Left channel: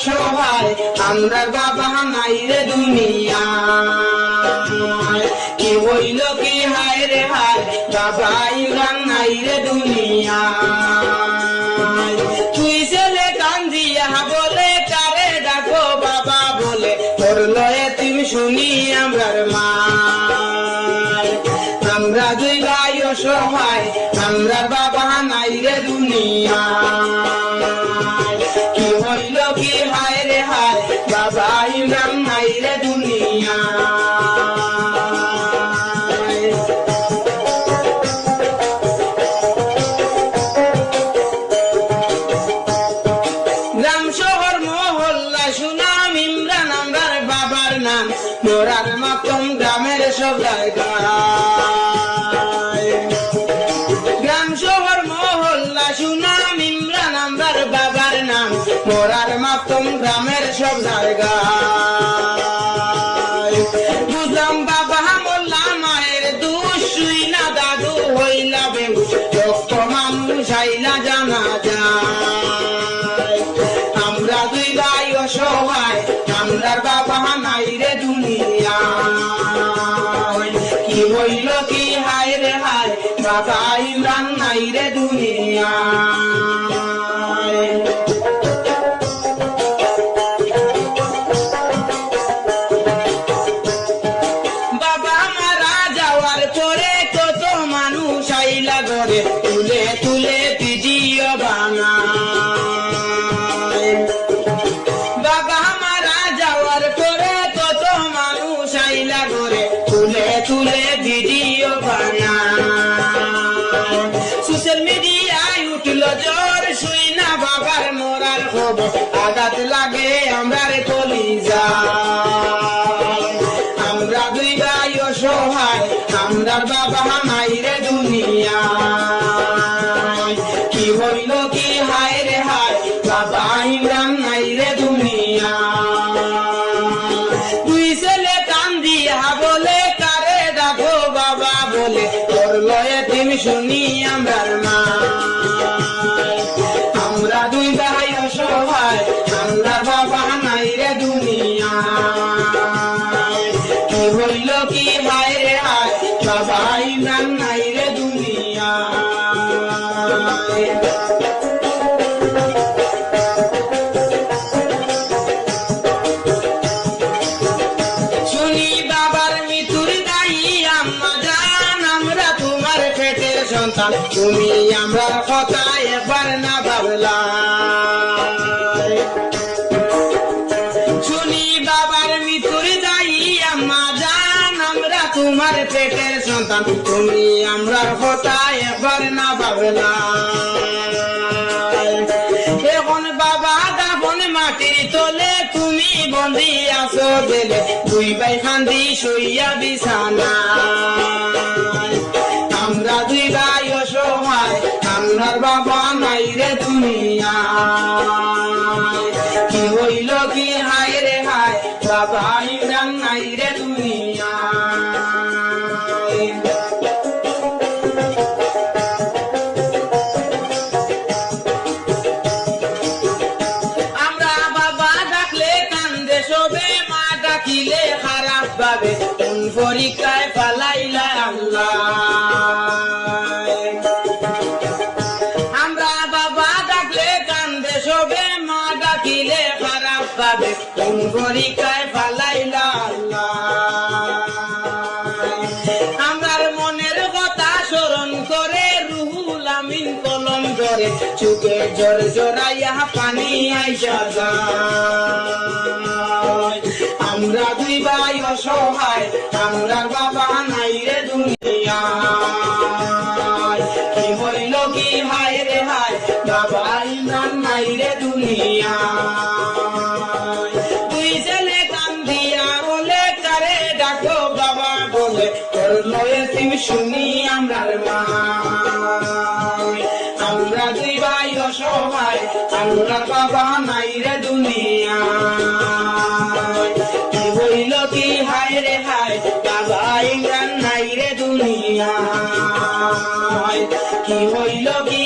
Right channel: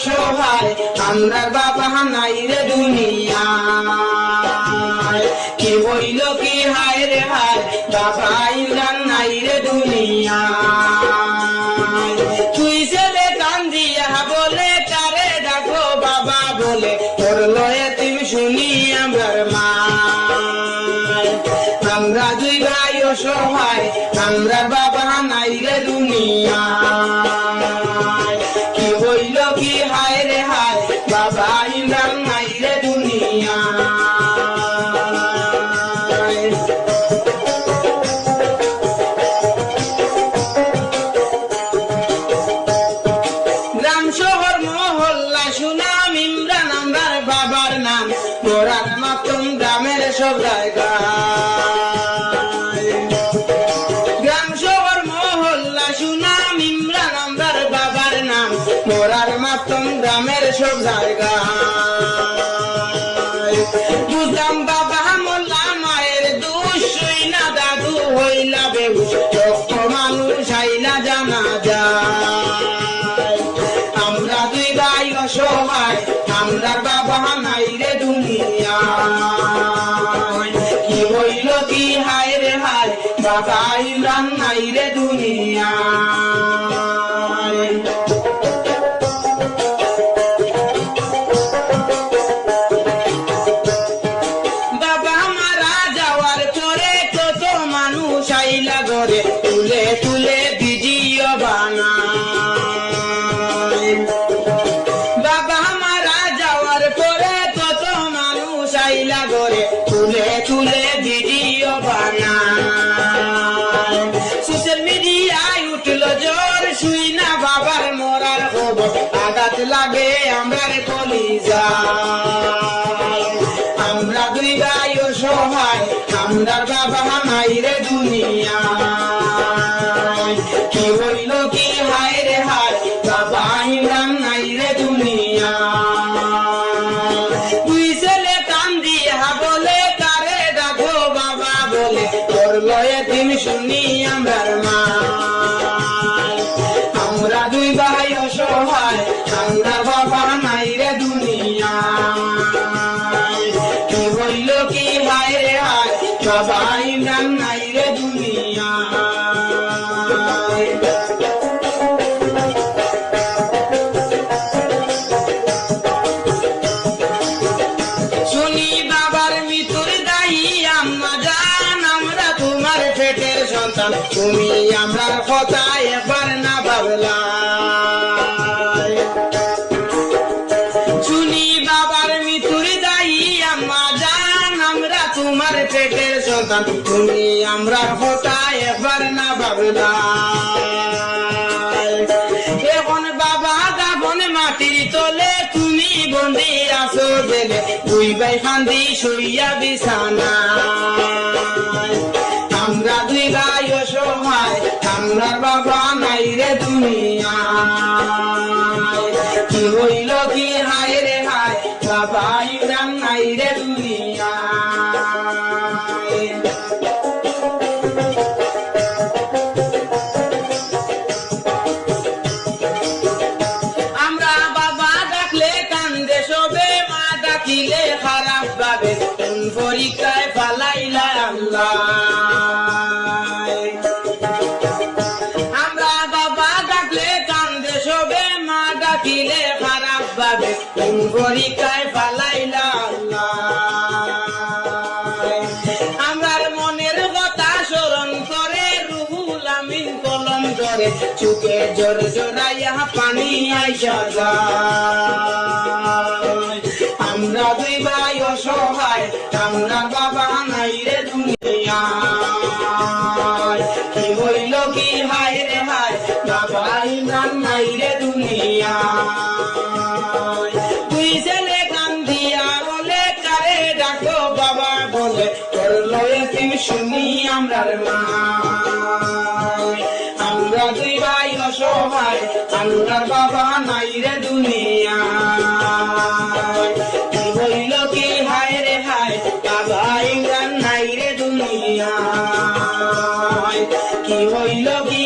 সবাই আমরা বাবা নাই রে দুনিয়া কে হইল কে হায় রে হায় আমার নাম মোরার মতন গ্রামের সব গ্রাম শহর, মহল্লা, সুনাম, ইমরান, আমার বাবার নাম মোরার মতন গ্রামের সব বুঝলাম বাবা মোল্লা মায়ের দুশুই না দাদু হইলা বেউস মানুষ আইলা পরে কত মানুষ আইলা ঘরে। তুলে তুলে ভিডিও বানায়। সোশ্যাল মিডিয়ায় উঠল জোর, শুই না বাবার মরার খবর। আঘাত লাগে আমার কলিজা আমরা দুই ভাই অসহায় আমরা বাবা মাইরে দুনিয়া মৃত্যুর দায়ী আম্মা জান আমরা তোমার পেটের সন্তান। তুমি আমরা কথা আমরা পেটের সন্তান তুমি আমরা কথা এবার না ভাবলাম এখন বাবা, দাবন মাটির তোলে তুমি বন্দি আছো জেলে। দুই ভাই কান্দি শুইয়া বিছানা। মা ডাকিলে খারাপ ভাবে কোন আমার মনের কথা স্মরণ করে রুহুল আমিন কলম করে চুকে জোর জোরাইয়া পানি আইসা আমরা দুই ভাই অসহায়, আমরা বাবা নাই রে দুনিয়া বলে, তোর লয়ে শুনি আমরা মা আমরা দুই অসহায়, আমরা বাবা নাই রে দুনিয়া কি হইল কি হায় রে হায়, বাবা ইমরান নাই রে দুনিয়া কি হইল কি